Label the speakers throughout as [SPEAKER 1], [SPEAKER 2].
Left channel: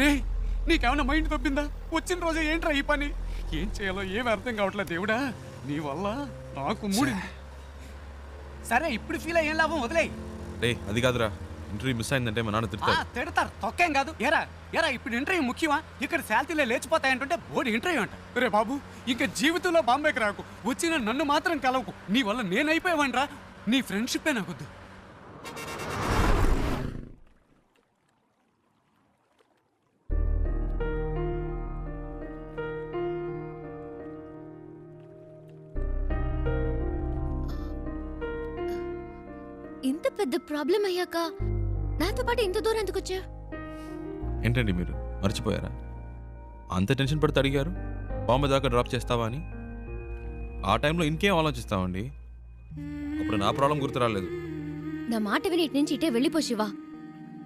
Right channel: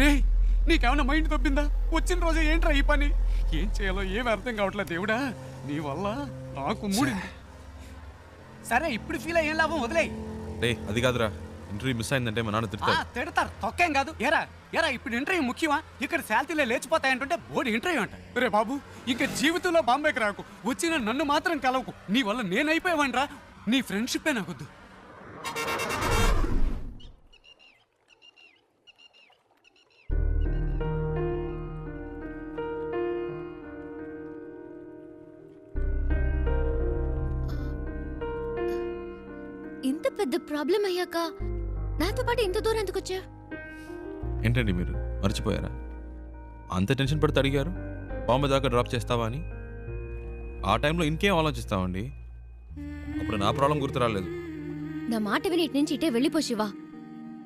[SPEAKER 1] రే నీకేమైనా మైండ్ తప్పిందా వచ్చిన రోజు ఏంట్రా ఈ పని? ఏం చేయాలో ఏం అర్థం కావట్లేదు దేవుడా నీ వల్ల నాకు మూడింది. సరే ఇప్పుడు ఫీల్ అయ్యేం లాభం వదిలేయ్.
[SPEAKER 2] రే అది కాదురా. ఇంటర్వ్యూ మిస్ అయిందంటే మా నాన్న తిడతారు
[SPEAKER 1] తిడతారు. తొక్కేం కాదు. ఎరా ఎరా ఇప్పుడు ఇంటర్వ్యూ ముఖ్యమా? ఇక్కడ శాలరీలే లేచిపోతాయంటుంటే బోర్డు ఇంటర్వ్యూ అంట. రే బాబు ఇంకా జీవితంలో బాంబేకి రాకు. వచ్చిన నన్ను మాత్రం కలవకు. నీ వల్ల నేనైపోయావనరా నీ ఫ్రెండ్షిప్పే నాకొద్దు.
[SPEAKER 3] పెద్ద ప్రాబ్లం అయ్యాక? నాతో పాటు ఇంత దూరం ఎందుకు వచ్చా
[SPEAKER 2] ఏంటండి మీరు? మర్చిపోయారా? అంత టెన్షన్ పడితే అడిగారు బాంబే దాకా డ్రాప్ చేస్తావా అని? ఆ టైంలో ఇంకేం ఆలోచిస్తామండి అప్పుడు నా ప్రాబ్లం గుర్తు రాలేదు
[SPEAKER 3] నా మాట విని ఇటు నుంచి ఇటే వెళ్ళిపో శివా.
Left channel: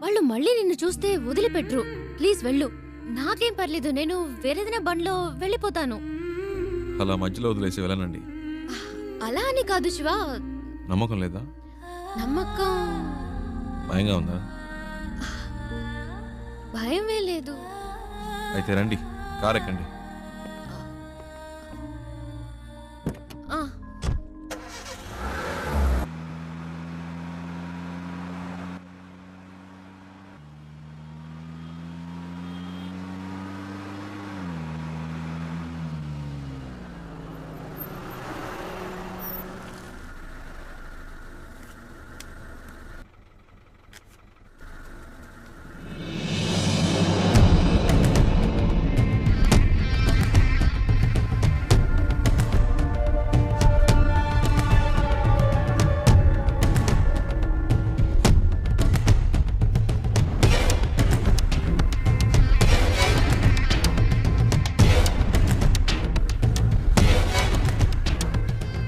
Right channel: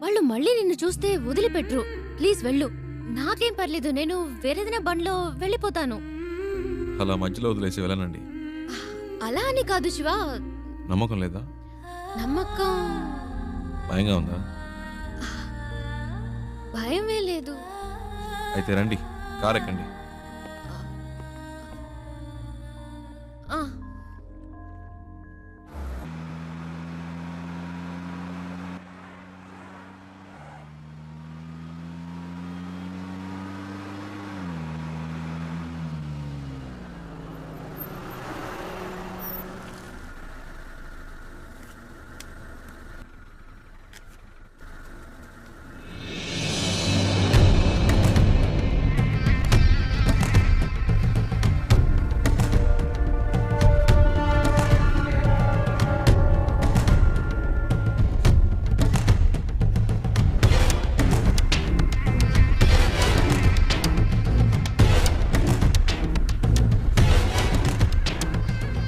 [SPEAKER 3] వాళ్ళు మళ్ళీ నిన్ను చూస్తే వదిలిపెట్రు. ప్లీజ్ వెళ్ళు. నాకేం పర్లేదు నేను వేరేదైనా బండ్లో వెళ్ళిపోతాను.
[SPEAKER 2] అలా మధ్యలో వదిలేసి వెళ్ళనండి.
[SPEAKER 3] అలా అని కాదు శివా.
[SPEAKER 2] నమ్మకం లేదా?
[SPEAKER 3] నమ్మకం.
[SPEAKER 2] భయంగా ఉందా?
[SPEAKER 3] భయమే లేదు.
[SPEAKER 2] అయితే రండి కార్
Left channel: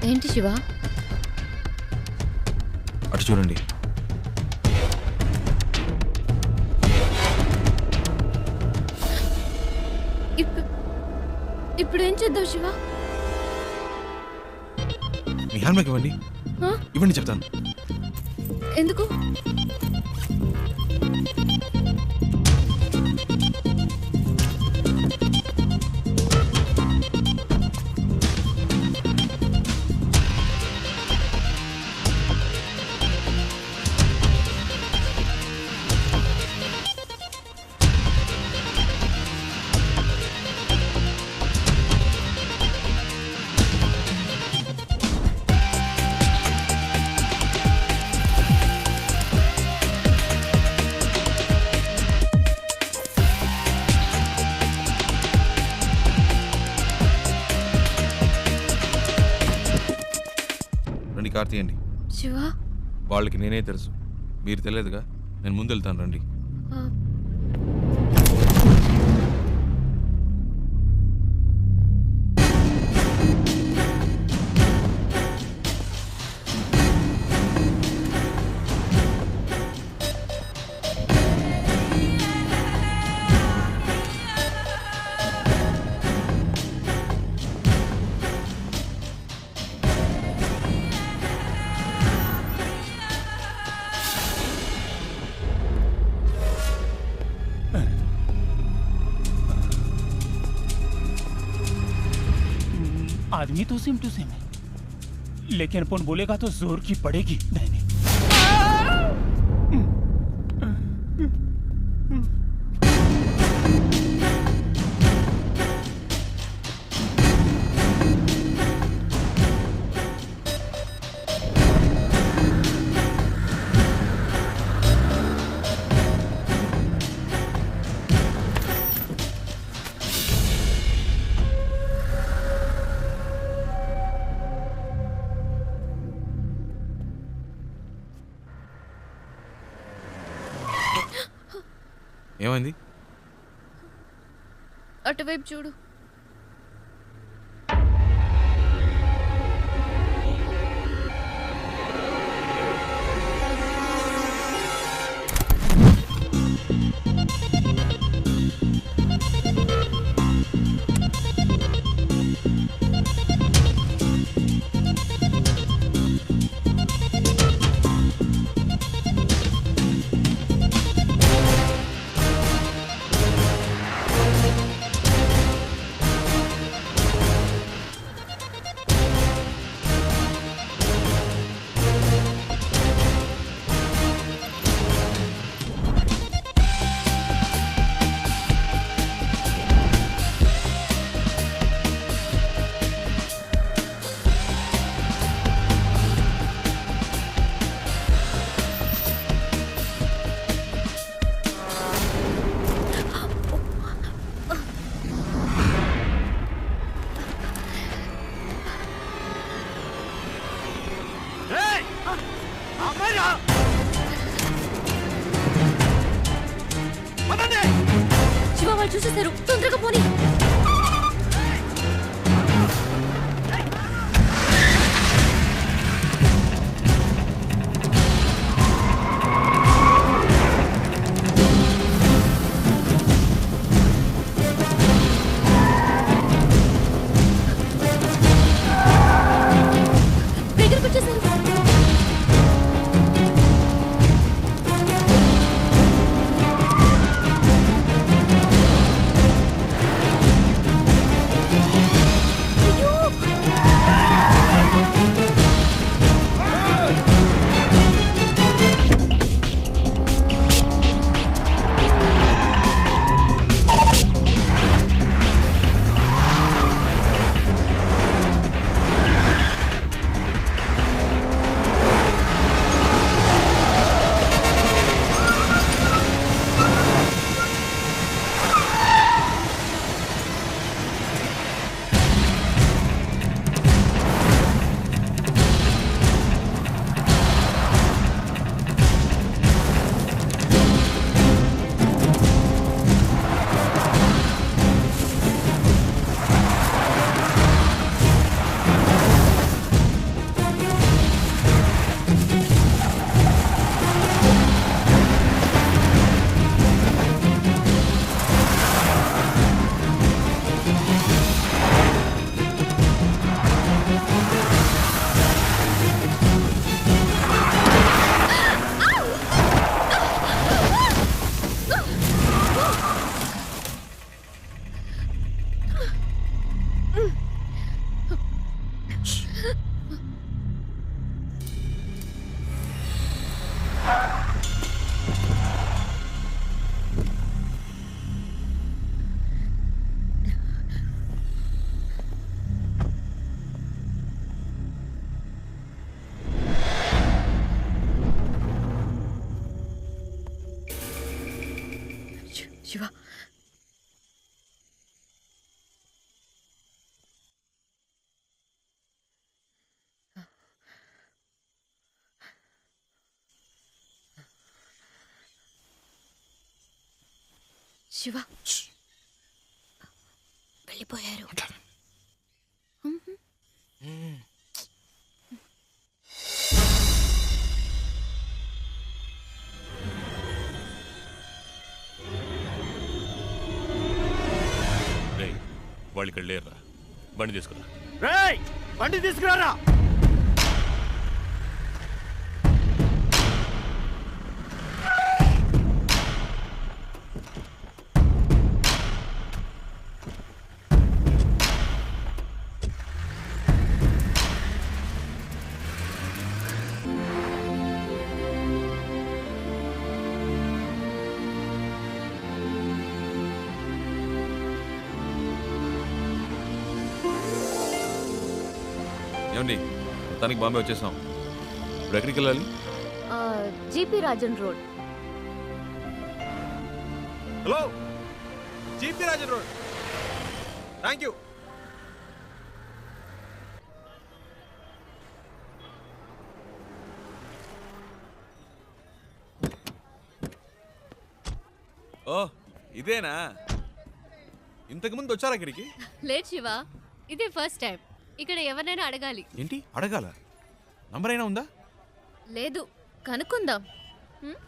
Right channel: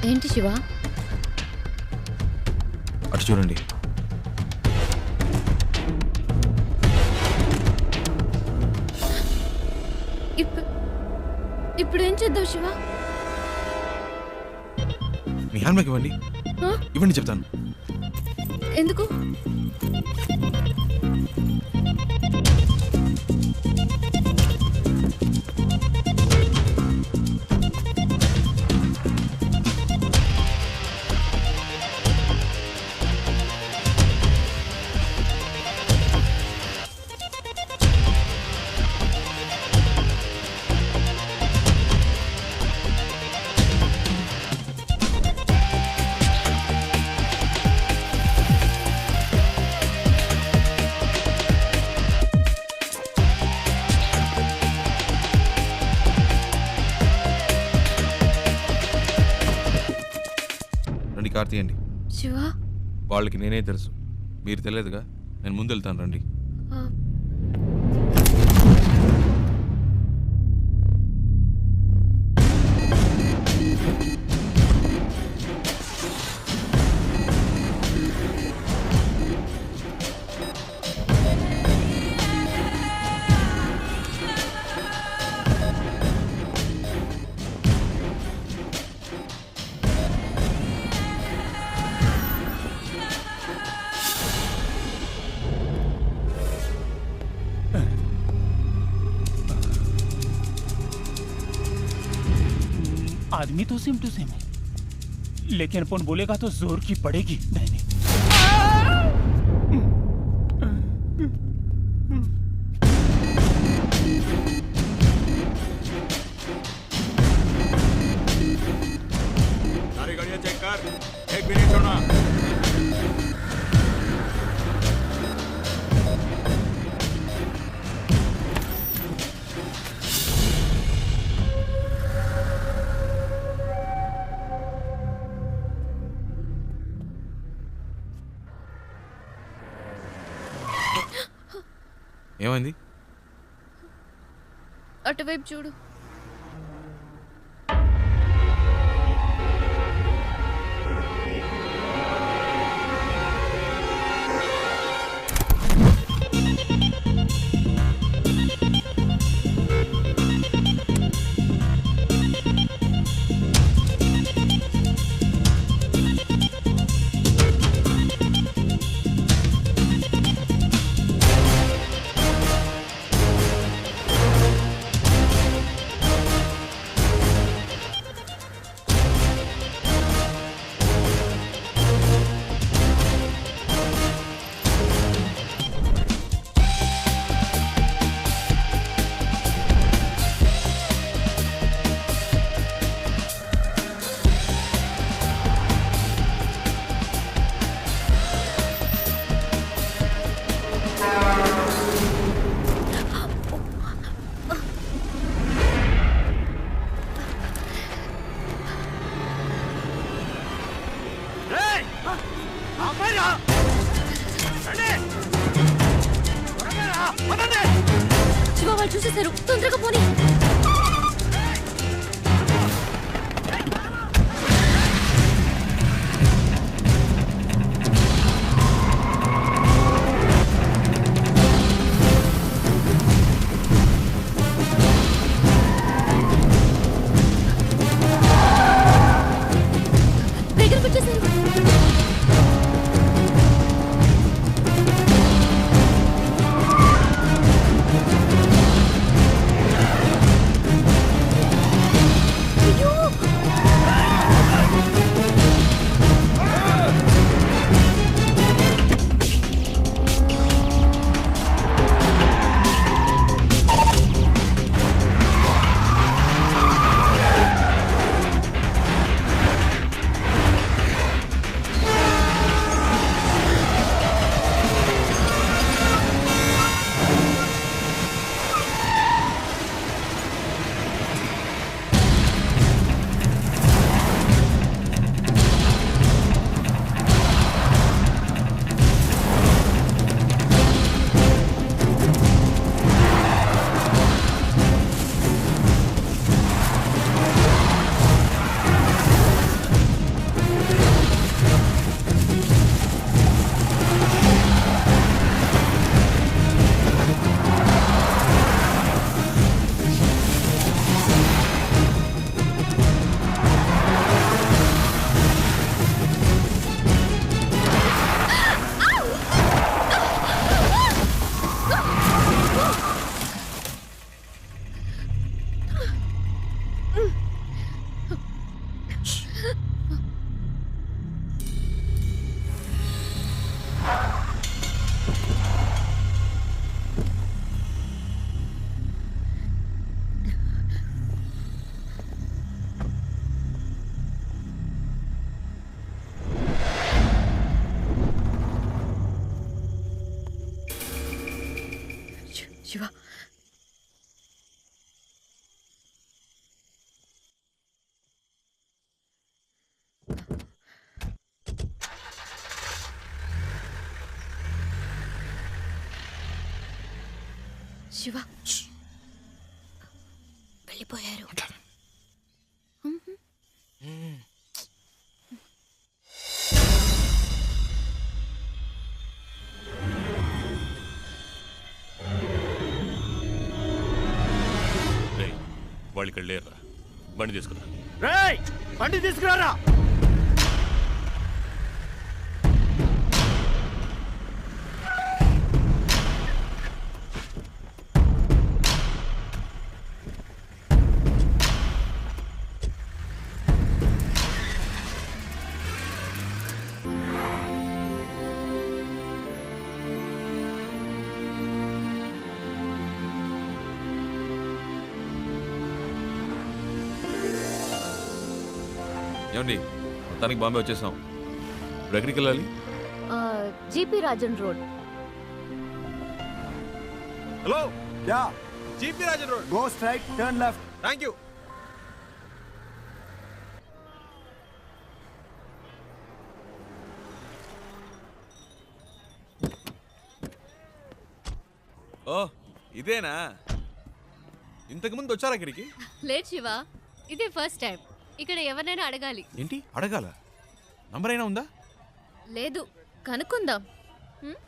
[SPEAKER 3] ఏంటి శివా?
[SPEAKER 2] అటు చూడండి.
[SPEAKER 3] ఇప్పుడు ఏం చేద్దాం శివా?
[SPEAKER 2] మీ హ్యాండ్ బ్యాగ్ ఇవ్వండి? ఇవ్వండి చెప్తాను.
[SPEAKER 3] ఎందుకు?
[SPEAKER 2] రండి కార్ తీయండి
[SPEAKER 3] శివా?
[SPEAKER 2] వాళ్ళకి నేనే తెలుసు. మీరు తెలియదుగా? నేను ముందు వెళ్తాను రండి.
[SPEAKER 4] आदमी तो सेम टू सेम है। लेकिन अपन बोलेगा तो ज़ोर की पड़ेगी नहीं।
[SPEAKER 2] ఏమైంది?
[SPEAKER 3] అటువైపు చూడు. వాళ్ళు చూసేశారు. తొందరగా పోనీ. శివ శివ వెళ్ళిపోయారు
[SPEAKER 5] వాళ్ళు ఇక్కడ లేరురా. బండి తీసుకురా.
[SPEAKER 6] రేయ్ బండి తీసుకురారా?
[SPEAKER 2] ఏమండి మొత్తానికి బాంబే వచ్చేసాం. ఇప్పుడు ఎక్కడికి వెళ్ళాలి?
[SPEAKER 3] GP Rajan road.
[SPEAKER 2] Hello
[SPEAKER 6] yeah
[SPEAKER 2] GP Rajan road.
[SPEAKER 6] Go straight turn left
[SPEAKER 2] thank you oh ఇదేనా? ఇంతకుముందు వచ్చారా ఇక్కడికి?
[SPEAKER 3] లేట్ శివ ఇదే ఫస్ట్ టైం ఇక్కడ ఎవరినైనా అడగాలి.
[SPEAKER 2] ఏంటి? అడగాల? నంబర్ అయినా ఉందా?
[SPEAKER 3] లేదు కనుక్కుందాం.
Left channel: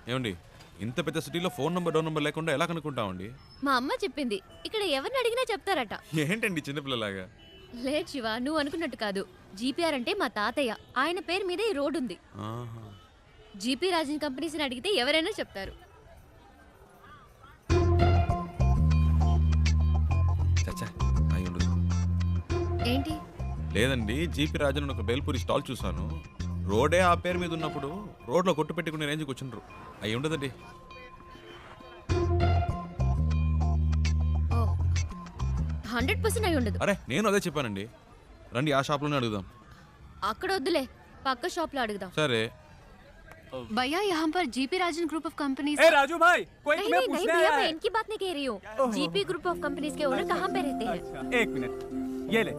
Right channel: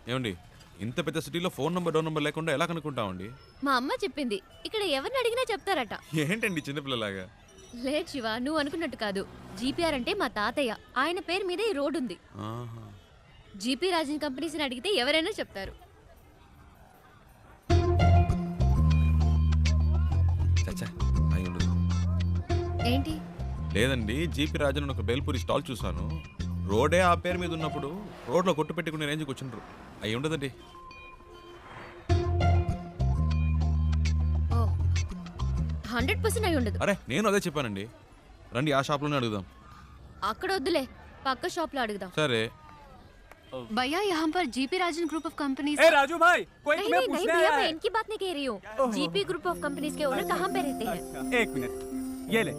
[SPEAKER 2] ఏమండి ఇంత పెద్ద సిటీలో ఫోన్ నంబర్ డోర్ నంబర్ లేకుండా ఎలా కనుక్కుంటామండి?
[SPEAKER 3] మా అమ్మ చెప్పింది ఇక్కడ ఎవరిని అడిగినా చెప్తారట.
[SPEAKER 2] ఏంటండి చిన్నపిల్లలాగా?
[SPEAKER 3] లేట్ శివ నువ్వు అనుకున్నట్టు కాదు. జీపీఆర్ అంటే మా తాతయ్య. ఆయన పేరు మీద ఈ రోడ్ ఉంది.
[SPEAKER 2] ఆహా.
[SPEAKER 3] జీపీ రాజన్ కంపెనీస్ని అడిగితే ఎవరైనా చెప్తారు.
[SPEAKER 2] చచ్చా అయి ఉండదు
[SPEAKER 3] ఏంటి?
[SPEAKER 2] లేదండి జీపీ రాజన్ అని ఒక బేల్పూరి స్టాల్ చూశాను రోడే ఆ పేరు మీద ఉన్నప్పుడు రోడ్లో కొట్టు పెట్టుకునే రేంజ్కి వచ్చిండ్రు అయి ఉండదండి
[SPEAKER 3] ఓ హండ్రెడ్ పర్సెంట్ అయి ఉండదు
[SPEAKER 2] అరే నేను అదే చెప్పానండి రండి ఆ షాప్లోనే అడుగుదాం
[SPEAKER 3] అక్కడ వద్దులే పక్క షాప్ లో అడుగుదాం
[SPEAKER 2] సరే
[SPEAKER 3] भैया यहाँ पर GP Rajan group of companies
[SPEAKER 6] ए राजू भाई कोई
[SPEAKER 3] नहीं
[SPEAKER 6] तुम्हें
[SPEAKER 3] नहीं नहीं
[SPEAKER 6] पूछने
[SPEAKER 3] भैया
[SPEAKER 6] आया
[SPEAKER 3] मैं
[SPEAKER 6] है
[SPEAKER 3] इनकी बात नहीं कह रही हूँ जीपी ग्रुप ऑफ कंपनीज के ओनर कहाँ पे रहते हैं
[SPEAKER 6] अच्छा, एक मिनट ये ले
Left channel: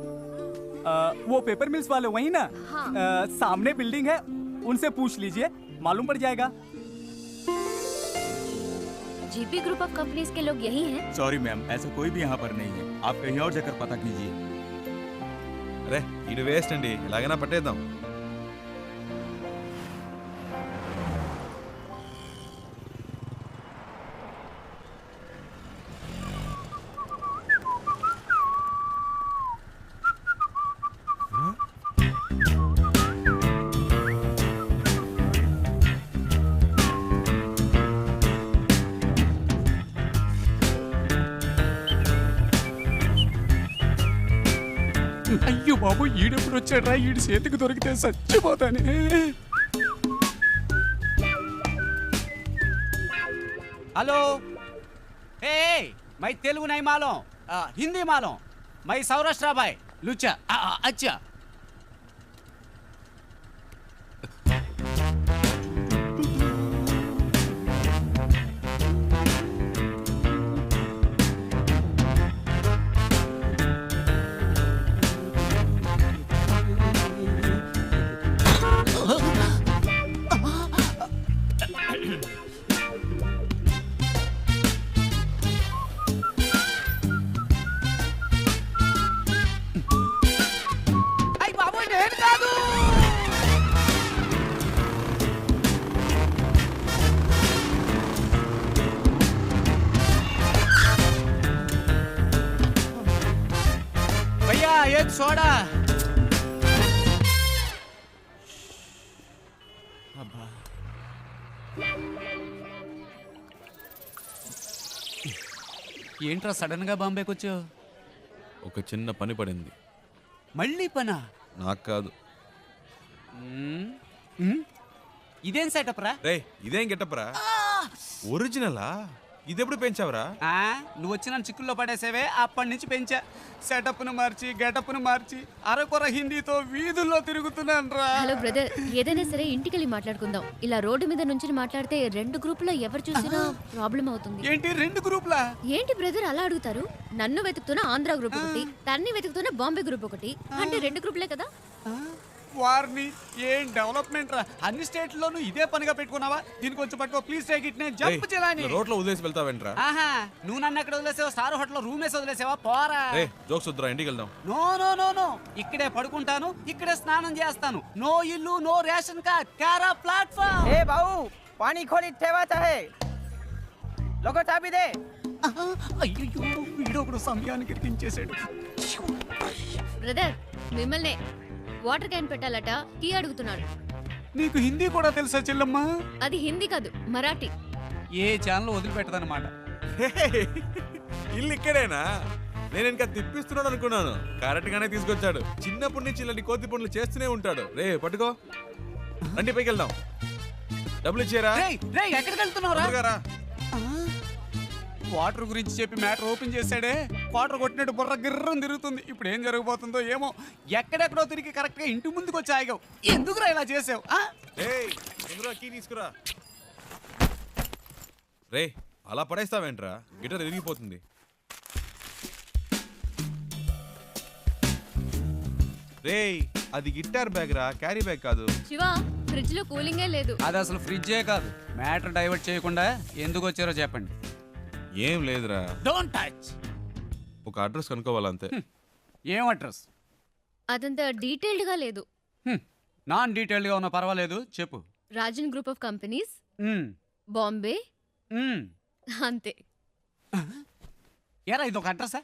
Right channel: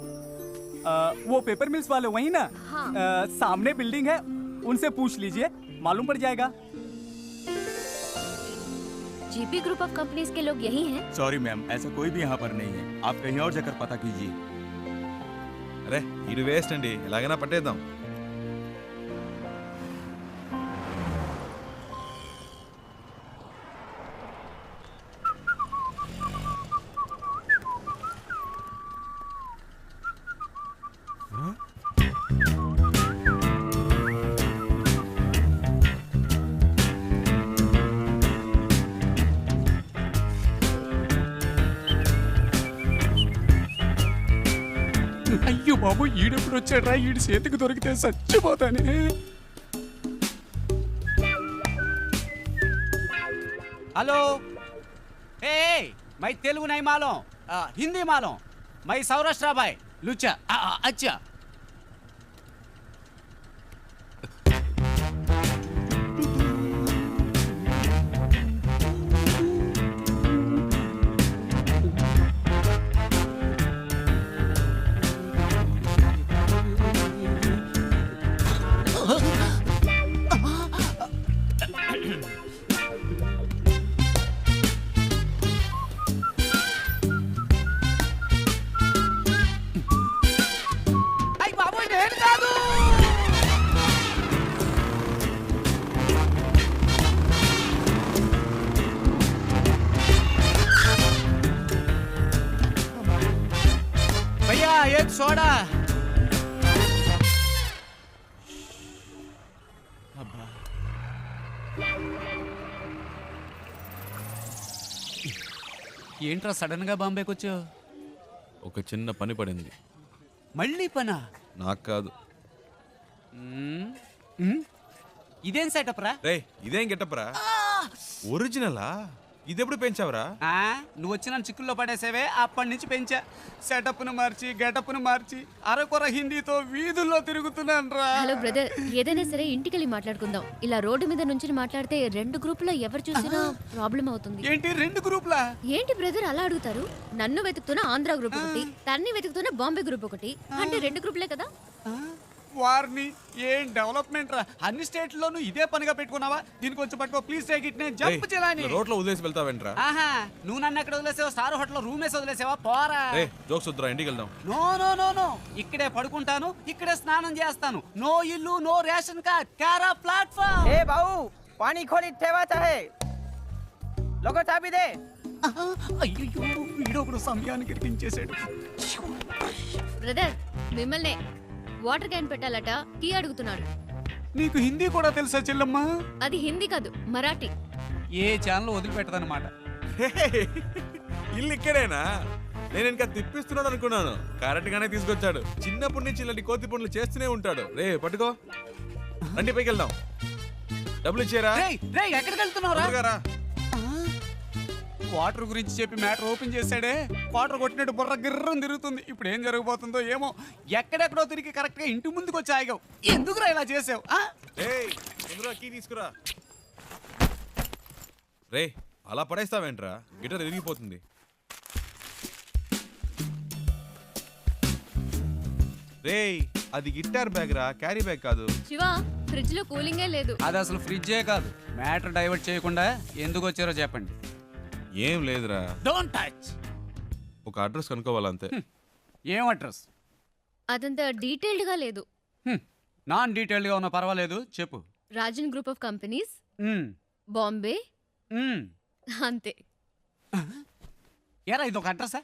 [SPEAKER 6] आ, वो पेपर मिल्स वाले वही ना?
[SPEAKER 3] हाँ।
[SPEAKER 6] आ, सामने बिल्डिंग है उनसे पूछ लीजिए मालूम पड़ जाएगा।
[SPEAKER 3] जीपी ग्रुप ऑफ़ कंपनीज़ के लोग यही हैं।
[SPEAKER 6] सॉरी मैम ऐसा कोई भी यहाँ पर नहीं है। आप कहीं और जाकर पता कीजिए।
[SPEAKER 2] अरे वेस्ट अंडी ना पटेदा
[SPEAKER 1] అయ్యో బాబు ఈడెప్పుడు వచ్చాడ్రా? ఈడి చేతికి దొరికితే చచ్చిపోతానే. హలో. ఏ మై తెలుగు నై మాలం ఆ, హిందీ మాలం. మై సౌరాష్ట్ర బాయ్ లుచ్చా. అచ్చా. एक सोडा అబ్బా ఏంట్రా సడన్ గా బాంబేకి వచ్చావు
[SPEAKER 2] ఒక చిన్న పని పడింది
[SPEAKER 1] మళ్ళీ పనా
[SPEAKER 2] నాకు కాదు
[SPEAKER 1] మ్మ్. మ్మ్? ఇదేం సెటప్ రా
[SPEAKER 2] రే ఇదేం గెటప్రా ఒరిజినలా ఇదెప్పుడు పెంచావురా?
[SPEAKER 1] ఆ, నువ్వు వచ్చిన చిక్కుల్లో పడేసేవే అప్పటి నుంచి పెంచా. సెటప్ను మార్చి గెటప్ను మార్చి అరకొర హిందీతో వీధుల్లో తిరుగుతున్నాను రా
[SPEAKER 3] హలో బ్రదర్ ఏదైనా సరే ఇంటికెళ్ళి మాట్లాడుకుందాం. ఇలా రోడ్డు మీద నుంచి మాట్లాడితే రెండు గ్రూపులో ఎవరు చూసినా ప్రాబ్లం అవుతుంది.
[SPEAKER 1] ఏంటి రెండు గ్రూపులా?
[SPEAKER 3] ఏంటి బ్రదర్ అలా అడుగుతారు? నన్ను వెతుకుతున్న ఆంధ్ర గ్రూప్ ఒకటి తన్ని వెతుకుతున్న బాంబే గ్రూప్ ఒకటి. అంటే రెండు గ్రూపులే కదా?
[SPEAKER 1] ఆ, వార్ని ఏం డెవలప్మెంట్ రా? అన్ని స్టేట్ లోనూ ఇదే పనిగా పెట్టుకున్నావా? దీనికి కొంచెం పట్టుకో. ప్లీజ్ టేక్ ఇట్ నేను జంప్ చేయాలని.
[SPEAKER 2] రోడ్లో వదిలేసి వెళ్తావేంట్రా?
[SPEAKER 1] ఆహా నువ్వు నన్ను అక్కడ వదిలేసావా? సార్ హోటల్లో రూమ్ వేసి వదిలేసావా? పోరా.
[SPEAKER 2] జోక్స్ వద్దురా ఇంటికి వెళ్దాం.
[SPEAKER 1] No no no no. ఇక్కడే పడుకుంటాను ఇక్కడే స్నానం చేస్తాను. నో ఇల్లు నో రేషన్ కార్డ్ కారా ప్లాట్ఫామ్.
[SPEAKER 7] ఏ బావు పానీ ఖోలి తేవా హే లోక చాబి దే.
[SPEAKER 1] అయ్యో వీడొకడు సమయానికి ఇరికించేశాడు
[SPEAKER 3] బ్రదర్ మిమ్మల్ని వాటర్ క్యాన్ పెట్టాలట టీ అడుగుతున్నాడు.
[SPEAKER 1] నీకు హిందీ కూడా తెలుసా చెల్లమ్మ?
[SPEAKER 3] అది హిందీ కాదు మరాఠీ.
[SPEAKER 1] ఏ ఛానల్ వదిలిపెట్టదన్నమాట.
[SPEAKER 2] ఇల్లు ఇక్కడేనా? నేను ఇంకా తిప్పిస్తున్నాడు అనుకున్నాను. కరెక్ట్ గానే తీసుకొచ్చాడు. చిన్నప్పటి నుంచి ఇలాంటి కోతి పనులు చేస్తూనే ఉంటాడు. రే పట్టుకో. రండి పైకి వెళ్దాం. డబ్బులు ఇచ్చారా
[SPEAKER 1] రేయ్ రేయ్ ఎక్కడికి వెళ్తున్నావురా?
[SPEAKER 2] రా.
[SPEAKER 1] వాటర్ గురించి చెప్పి మ్యాటర్ ఓపెన్ చేశాడే వాటర్ కొట్టినట్టు బుర్ర గిర్రం తిరుగుతుంది. ఇప్పుడు ఏం జరగబోతుందో ఏమో ఎక్కడెక్కడో తిరిగి కరెక్ట్గా ఇంటి ముందుకు వచ్చి ఆగావు. ఎందుకురా ఇలా చేసావు
[SPEAKER 2] తీసుకురా. రే అలా పడేస్తావేంట్రా? గిటార్ విరిగిపోతుంది. రేయ్ అది గిటార్ బ్యాగ్ రా క్యారీ బ్యాగ్ కాదు.
[SPEAKER 3] శివ ఫ్రిడ్జ్లో కూలింగే లేదు.
[SPEAKER 1] అది అసలు ఫ్రిడ్జే కాదు. మ్యాటర్ డైవర్ట్ చేయకుండా ఎందుకు వచ్చారో చెప్పండి.
[SPEAKER 2] ఏం లేదురా.
[SPEAKER 1] డోంట్ టచ్
[SPEAKER 2] ఒక అడ్రస్ కనుక్కోవాలంతే.
[SPEAKER 1] ఏం అడ్రస్?
[SPEAKER 3] అదంత డీటెయిల్డ్గా లేదు
[SPEAKER 1] నాన్ డీటెయిల్డ్గా ఉన్నా పర్వాలేదు చెప్పు.
[SPEAKER 3] Rajan group of
[SPEAKER 1] companies.
[SPEAKER 3] Hmm.
[SPEAKER 1] Bombay.
[SPEAKER 3] అంతే.
[SPEAKER 1] ఏరా ఇది ఒక అడ్రసా?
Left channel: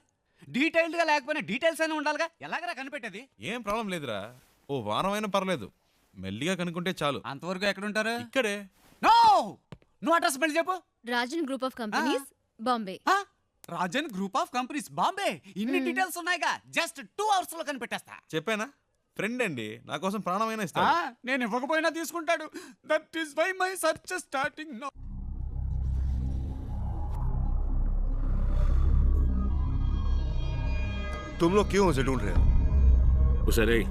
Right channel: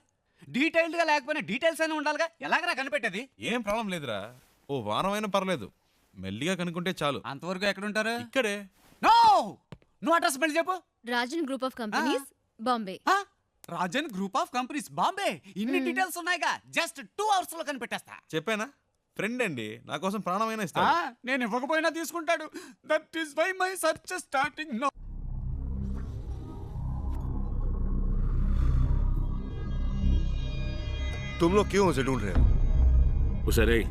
[SPEAKER 1] డీటెయిల్డ్గా లేకపోయినా డీటెయిల్స్ అయినా ఉండాలిగా? ఎలాగరా కనిపెట్టేది?
[SPEAKER 2] ఏం ప్రాబ్లం లేదురా. ఓ వారం అయినా పర్లేదు. మెల్లిగా కనుక్కుంటే చాలు.
[SPEAKER 1] అంతవరకు ఎక్కడుంటారు?
[SPEAKER 2] ఇక్కడే.
[SPEAKER 1] నో నువ్వు అడ్రస్ మళ్ళీ చెప్పు.
[SPEAKER 3] Rajan group of companies. Bombay
[SPEAKER 1] ఆ? Rajan group of companies Bombay ఇన్ని డీటెయిల్స్ ఉన్నాయిగా జస్ట్ టూ అవర్స్ లో కనిపెట్టేస్తా
[SPEAKER 2] చెప్పానా ఫ్రెండ్ అండి నా కోసం ప్రాణమైనా
[SPEAKER 1] ఆ,
[SPEAKER 2] ఇస్తాడు
[SPEAKER 1] నేను ఇవ్వకపోయినా తీసుకుంటాడు that is why my search starting no
[SPEAKER 8] तुम लोग क्यों उसे ढूंढ रहे हो
[SPEAKER 5] उसे नहीं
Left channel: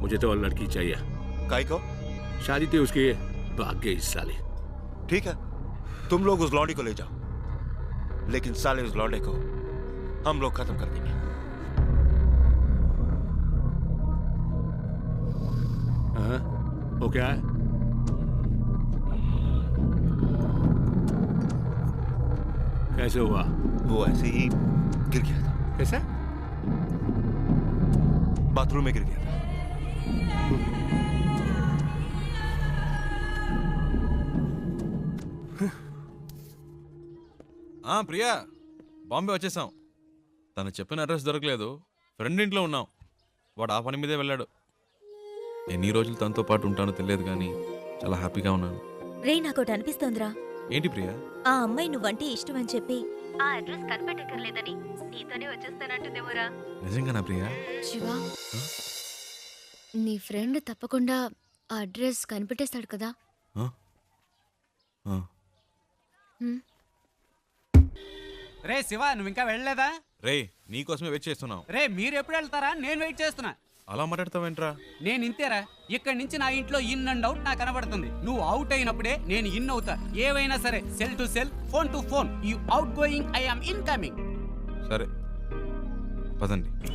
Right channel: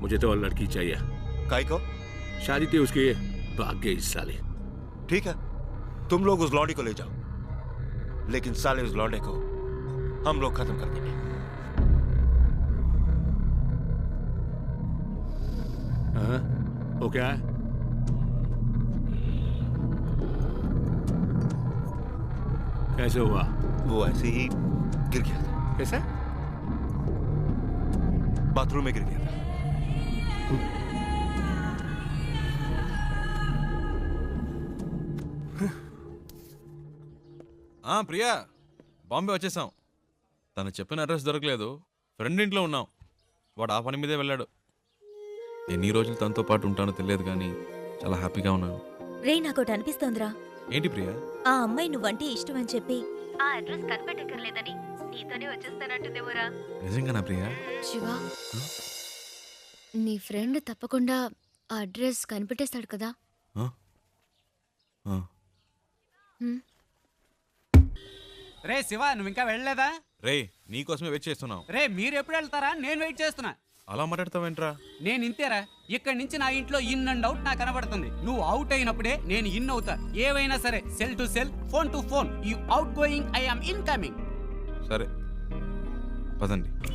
[SPEAKER 5] मुझे तो और लड़की चाहिए
[SPEAKER 8] काय को
[SPEAKER 5] शादी थी उसकी भाग गई इस साले
[SPEAKER 8] ठीक है तुम लोग उस लौंडी को ले जाओ लेकिन साले उस लौंडे को हम लोग खत्म कर देंगे।
[SPEAKER 5] हाँ? वो क्या है? कैसे हुआ?
[SPEAKER 8] वो ऐसे ही गिर गया था।
[SPEAKER 5] कैसे?
[SPEAKER 8] बाथरूम में गिर गया था।
[SPEAKER 2] ఆ, ప్రియా బాంబే వచ్చేసాం. తను చెప్పిన అడ్రస్ దొరకలేదు. ఫ్రెండ్ ఇంట్లో ఉన్నాం. వాడు ఆ పని మీదే వెళ్ళాడు. ఎన్ని రోజులు తనతో పాటు ఉంటానో తెలియదు కానీ చాలా హ్యాపీగా ఉన్నాను.
[SPEAKER 9] రే నాకోటి అనిపిస్తోందిరా.
[SPEAKER 2] ఏంటి ప్రియా?
[SPEAKER 9] ఆ అమ్మాయి నువ్వంటే ఇష్టం అని చెప్పి
[SPEAKER 3] ఆ అడ్రస్ కనిపెట్టక్కర్లేదని నీతోనే వచ్చేస్తానంటుందేమోరా.
[SPEAKER 2] నిజంగానా ప్రియా?
[SPEAKER 3] శివ నీ ఫ్రెండ్ తప్పకుండా ఆ అడ్రస్ కనిపెట్టేస్తాడు కదా.
[SPEAKER 2] ఆ? ఆ.
[SPEAKER 3] హ్మ్.
[SPEAKER 1] రే శివ నువ్వు ఇంకా వెళ్ళలేదా?
[SPEAKER 2] రేయ్ నీకోసమే వెయిట్ చేస్తున్నాం.
[SPEAKER 1] రే మీరు ఎప్పుడు వెళ్తారా? నేను వెయిట్ చేస్తున్నా.
[SPEAKER 2] అలా మాట్లాడతావేంట్రా?
[SPEAKER 1] నేను ఇంతేరా. ఇక్కడి నుంచి నా ఇంట్లో ఇన్ అండ్ అవుట్ నాకు కనబడుతుంది. నువ్వు అవుట్ అయినప్పుడే నేను ఇన్ అవుతా. ఏవైనా సరే cell to cell phone to phone you out going I am incoming
[SPEAKER 2] సరే. పదండి.